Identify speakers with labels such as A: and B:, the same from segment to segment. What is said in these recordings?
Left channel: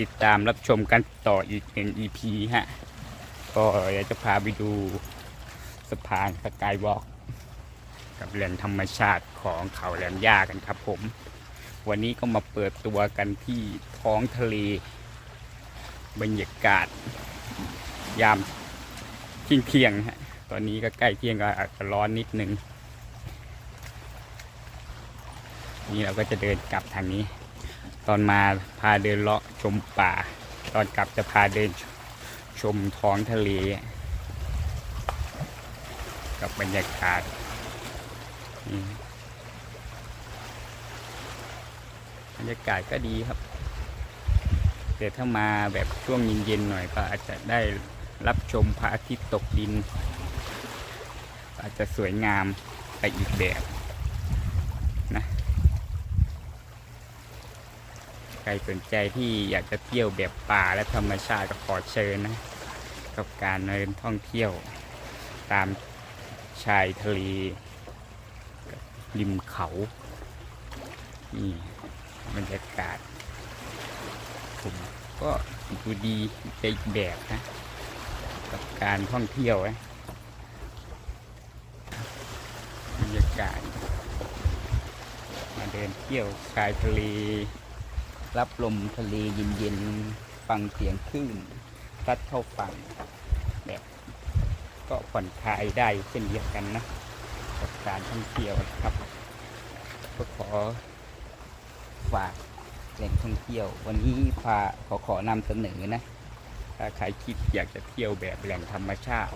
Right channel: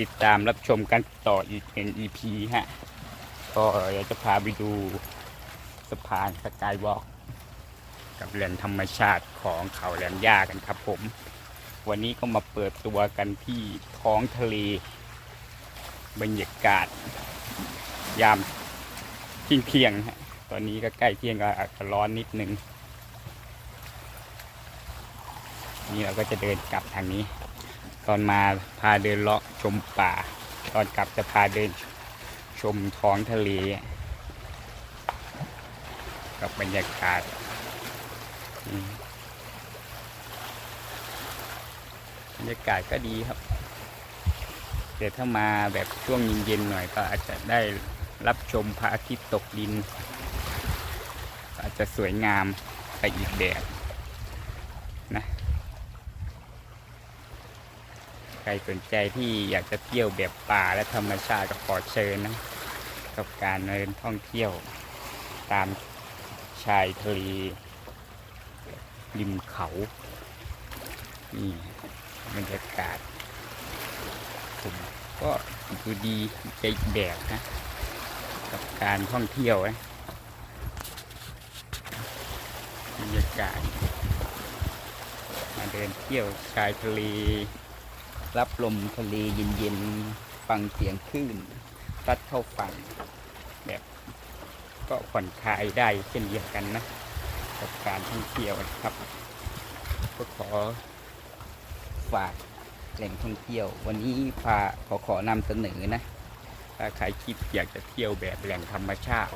A: ติดตามรับชมกันต่ออีกเป็น EP ฮะ ก็เดี๋ยวจะพาไปดูสะพานสกายวอล์กกับแหล่งธรรมชาติของเขาแหลมย่ากันครับผม วันนี้ก็มาเปิดตัวกันที่ท้องทะเล บรรยากาศ ยามเที่ยงเที่ยงฮะ ตอนนี้ก็ใกล้เที่ยงก็อาจจะร้อนนิดนึง นี่เราก็จะเดินกลับทางนี้ ตอนมาพาเดินเลาะชมป่า ตอนกลับจะพาเดินชมท้องทะเล กับบรรยากาศบรรยากาศก็ดีครับแต่ถ้ามาแบบช่วงเย็นๆหน่อยก็อาจจะได้รับชมพระอาทิตย์ตกดิน อาจจะสวยงามไปอีกแบบนะ ใครสนใจที่อยากจะเที่ยวแบบป่าและธรรมชาติก็ขอเชิญนะ กับการเดินท่องเที่ยวตามชายทะเลริมเขานี่บรรยากาศ ผมก็ดูดีใจแบบนะ กับการท่องเที่ยวนะบรรยากาศ มาเดินเที่ยวชายทะเล รับลมทะเลเย็นๆ ฟังเสียงคลื่นซัดเข้าฝั่งแบบก็ผ่อนคลายได้เช่นเดียวกันนะ กับการท่องเที่ยวนะครับ ก็ขอฝากแหล่งท่องเที่ยว วันนี้พาขอขอนำเสนอนะถ้าใครคิดอยากจะเที่ยวแบบแหล่งธรรมชาติ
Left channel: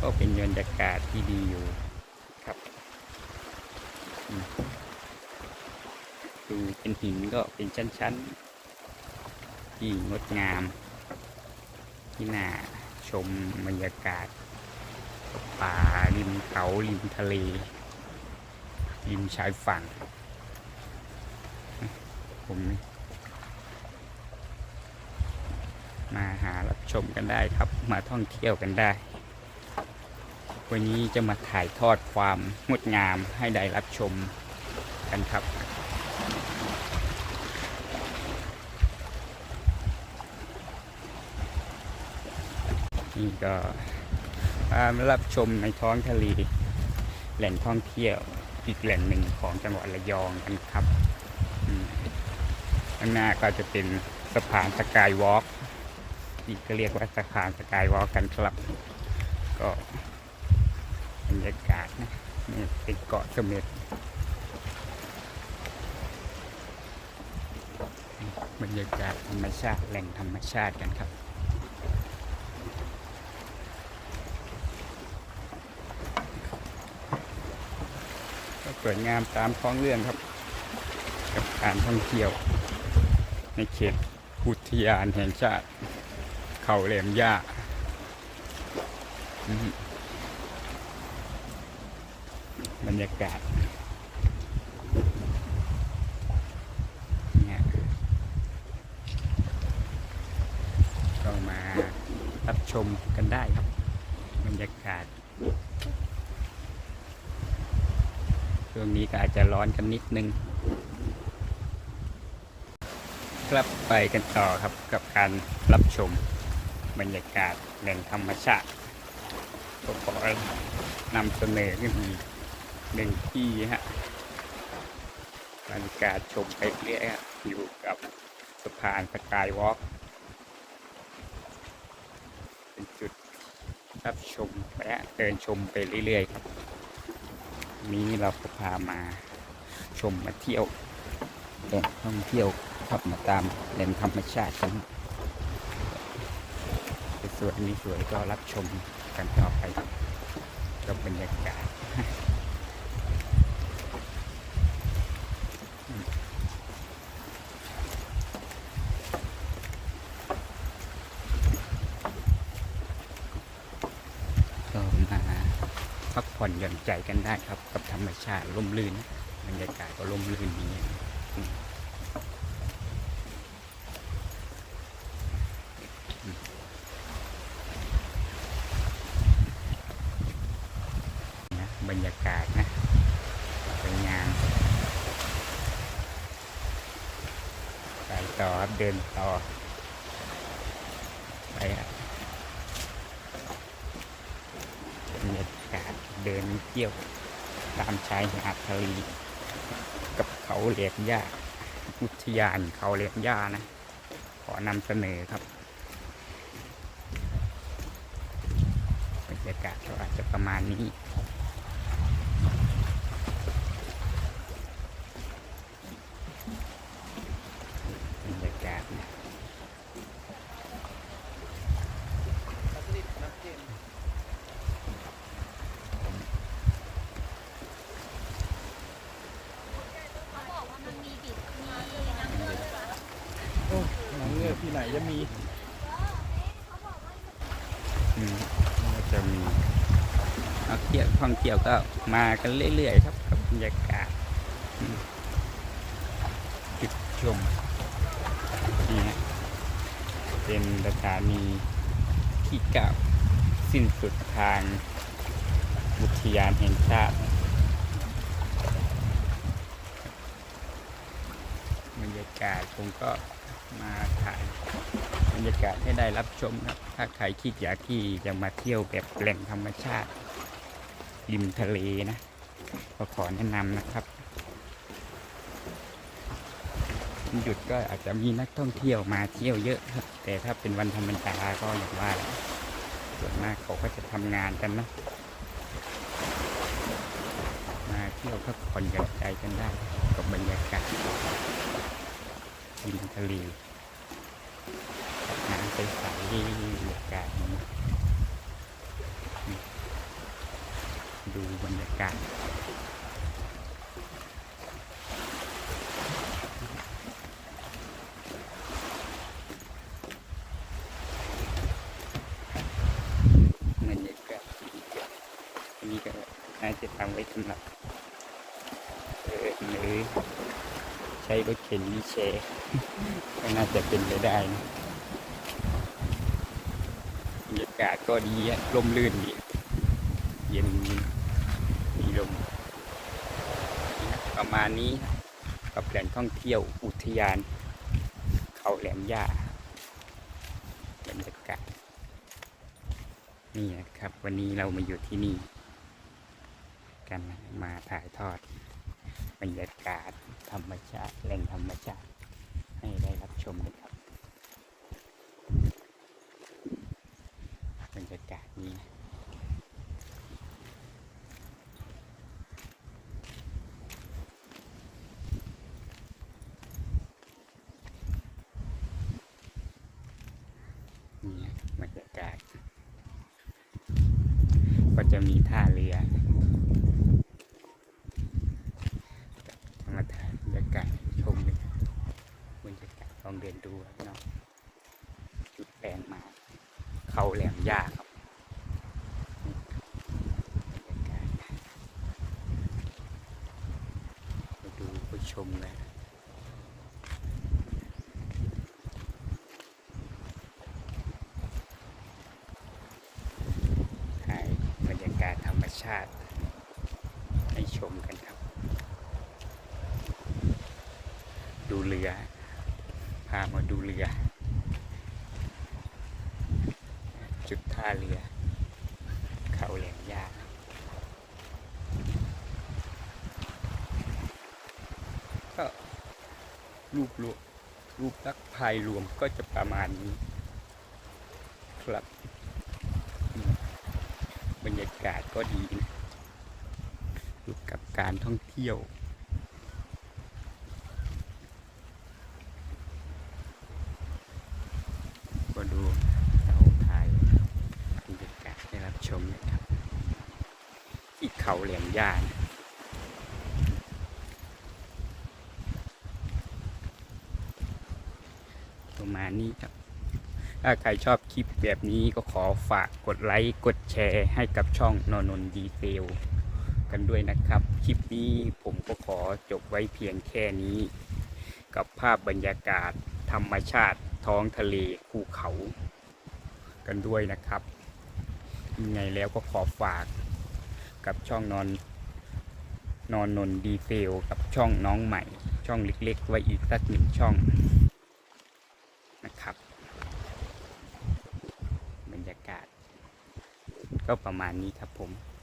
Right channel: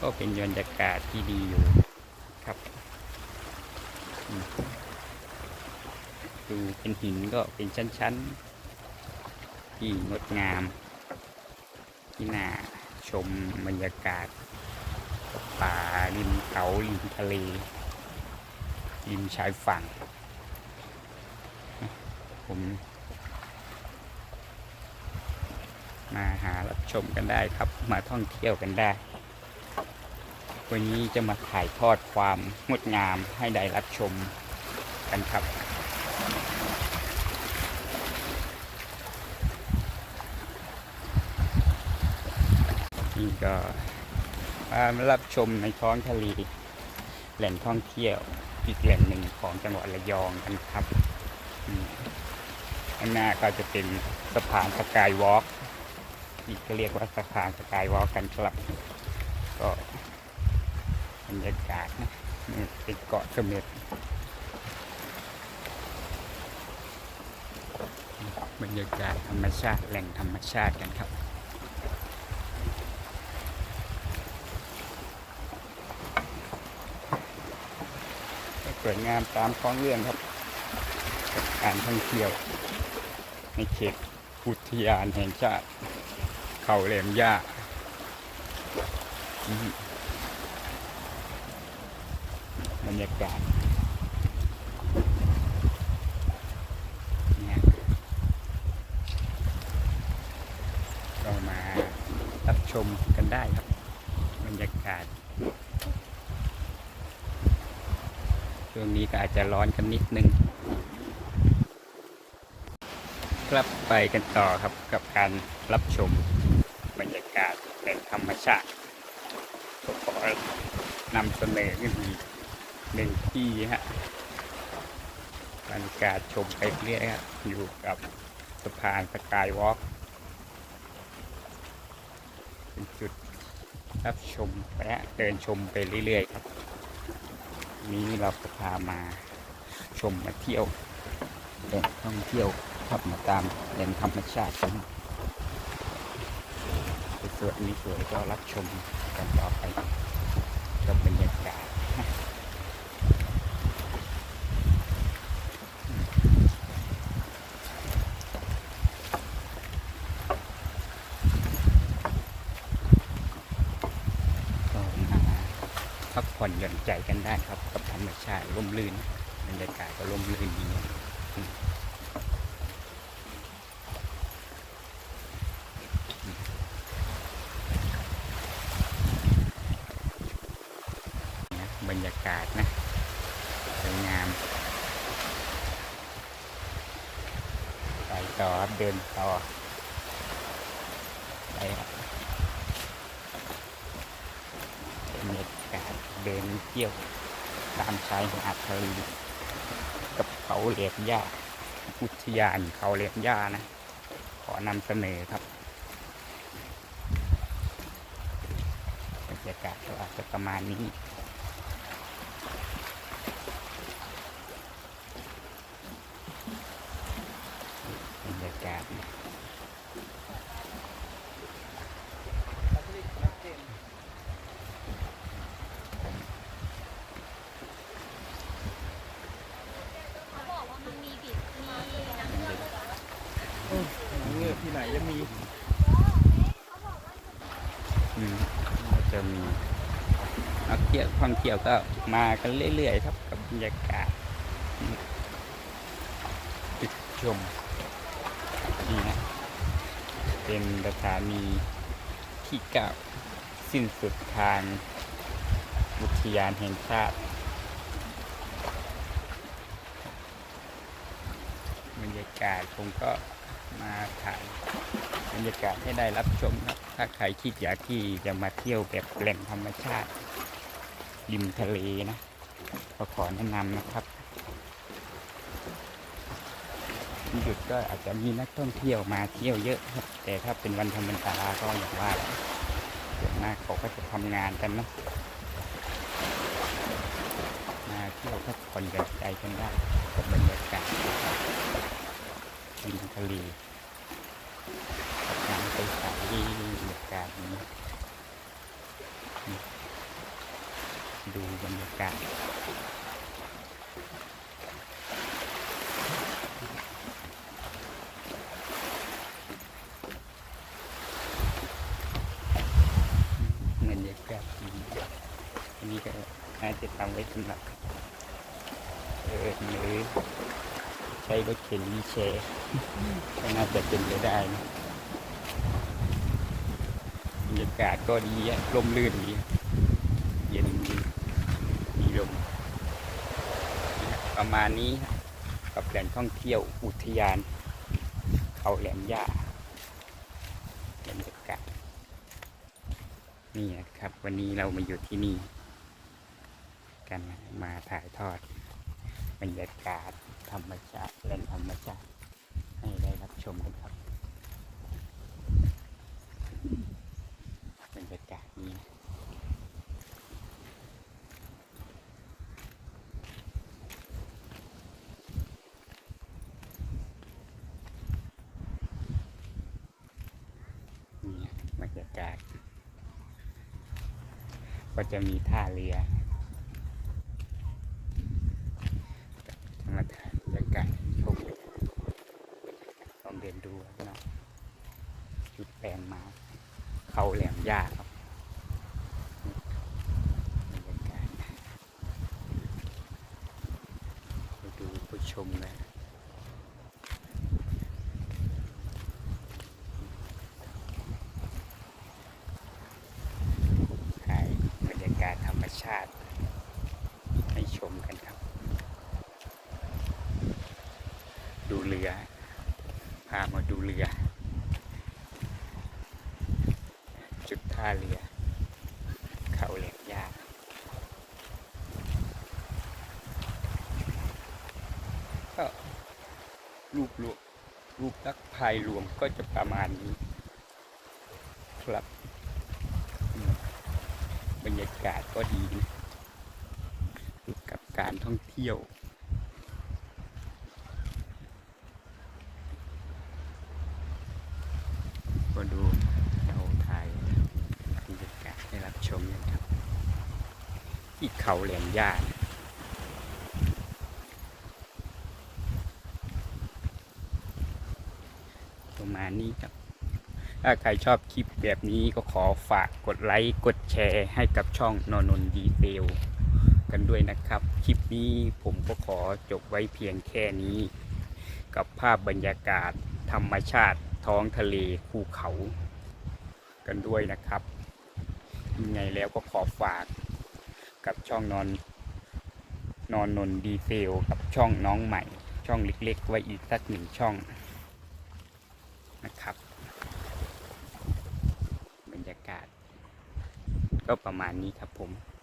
A: ก็เป็นบรรยากาศที่ดีอยู่ครับอืม ดูเป็นหินก็เป็นชั้นๆ ที่งดงาม ที่น่าชมบรรยากาศป่าริมเขาริมทะเลริมชายฝั่ง ผม มาหารับชมกันได้ครับ มาท่องเที่ยวกันได้ วันนี้จะมาถ่ายทอดความงดงามให้ได้รับชมกันครับ นี่ก็มารับชมในท้องทะเลแหล่งท่องเที่ยวอีกแหล่งหนึ่งของจังหวัดระยองกันครับอืมข้างหน้าก็จะเป็นสะพานสกายวอล์กที่ก็เรียกว่าสะพานสกายวอล์กกันครับ ก็บรรยากาศนะนี่เป็นเกาะเสม็ดบรรยากาศธรรมชาติแหล่งธรรมชาติกันครับ วยงามตามท้องเรื่องครับ กับการท่องเที่ยว ในเขตพุทธยานแห่งชาติ เขาแหลมย่าบรรยากาศเนี่ยก็มารับชมกันได้ครับ บรรยากาศ ช่วงนี้ก็อาจจะร้อนกันนิดนึงครับไปกันต่อครับกับการรับชมบรรยากาศแหล่งธรรมชาติก็ขอนำเสนอขึ้นอีกหนึ่งที่ฮะบรรยากาศชมไปเรื่อยฮะอยู่กับสะพานสกายวอล์กเป็นจุดรับชมและเดินชมไปเรื่อยๆครับ นี้เราก็พามาชมมาเที่ยวแหล่งท่องเที่ยวครับมาตามแหล่งธรรมชาติกันสวยนี้สวยก็รับชมกันต่อไปกับบรรยากาศก็มาพักผ่ อนหย่อนใจกันได้ครับ กับธรรมชาติร่มรื่นบรรยากาศก็ร่มรื่นดีบรรยากาศนะสวยงาม ไปต่อครับเดินต่อไปครับรรยากาศ เดินเที่ยวตามชายหาดทะเลกับเขาเหลียมหญ้าอุทยานเขาเหลียมหญ้านะ ขอนำเสนอครับบรรยากาศก็อาจจะประมาณนี้ บรรยากาศนะ
B: บอกว่ามันมีบิดมี
C: หนังเงือก ที่ไหนจะมี
A: อืมก็จะมีนักเที่ยวท่องเที่ยวก็มากันเรื่อยๆครับกับบรรยากาศอืมจุดชมนี่ฮะเป็นสถานีที่เก้าสิ้นสุดทางอุทยานแห่งชาติบรรยากาศผมก็ มาถ่ายบรรยากาศให้ได้รับชมครับ ถ้าใครคิดอยากที่จะมาเที่ยวแบบแหล่งธรรมชาติ ริมทะเลนะก็ขอแนะนำนะครับหยุดก็อาจจะมีนักท่องเที่ยวมาเที่ยวเยอะครับ แต่ถ้าเป็นวันธรรมดาก็อย่างว่าแหละส่วนมากเขาก็จะทำงานกันนะมาเที่ยวพักผ่อนหย่อนใจกันได้กับบรรยากาศ ริมทะเลกับน้ำใสๆบรรยากาศนี้ดูบรรยากาศบรรยากาศดีอันนี้ก็น่าจะทำไว้สำหรับเออหรือ ใช้รถเข็นวีลแชร์ก็น่าจะเป็นไปได้นะบรรยากาศก็ดีลมลื่นดีเย็นดีมีลมประมาณนี้กับแหล่งท่องเที่ยวอุทยาน เขาแหลมย่าบรรยากาศนี่นะครับ วันนี้เรามาอยู่ที่นี่ กันมาถ่ายทอด บรรยากาศธรรมชาติแหล่งธรรมชาติ ให้ได้รับชมกันครับ บรรยากาศนี้นะนี่บรรยากาศ ก็จะมีท่าเรือธรรมชาติบรรยากาศให้ชมเลยบรรยากาศล องเดินดูครับเนาะจุดแปลงมาเขาแหลมยากครับบรรยากาศมาดูไปชมเลยถ่ายบรรยากาศธรรมชาติ ให้ชมกันครับ ดูเรือามาดูเรือ จุดท่าเรือ เขาแหลมยากก็รูปรวมรูปลักษ์ภายรวมก็จะประมาณนี้ ครับ บรรยากาศก็ดีนะกับการท่องเที่ยว ดูเราถ่ายบรรยากาศให้รับชมนะครับ ที่เขาแหลมย่านะประมาณนี้ครับ ถ้าใครชอบคลิปแบบนี้ก็ขอฝากกดไลค์ กดแชร์ให้กับช่องนนนดีเทลกันด้วยนะครับ คลิปนี้ผมก็ขอจบไว้เพียงแค่นี้ กับภาพบรรยากาศธรรมชาติ ท้องทะเลภูเขากันด้วยนะครับยังไงแล้วก็ขอฝากกับช่องนอนนอนนนดีเซลกับช่องน้องใหม่ ช่องเล็กๆ ไว้อีกสักหนึ่งช่องนะครับ บรรยากาศ ก็ประมาณนี้ครับผม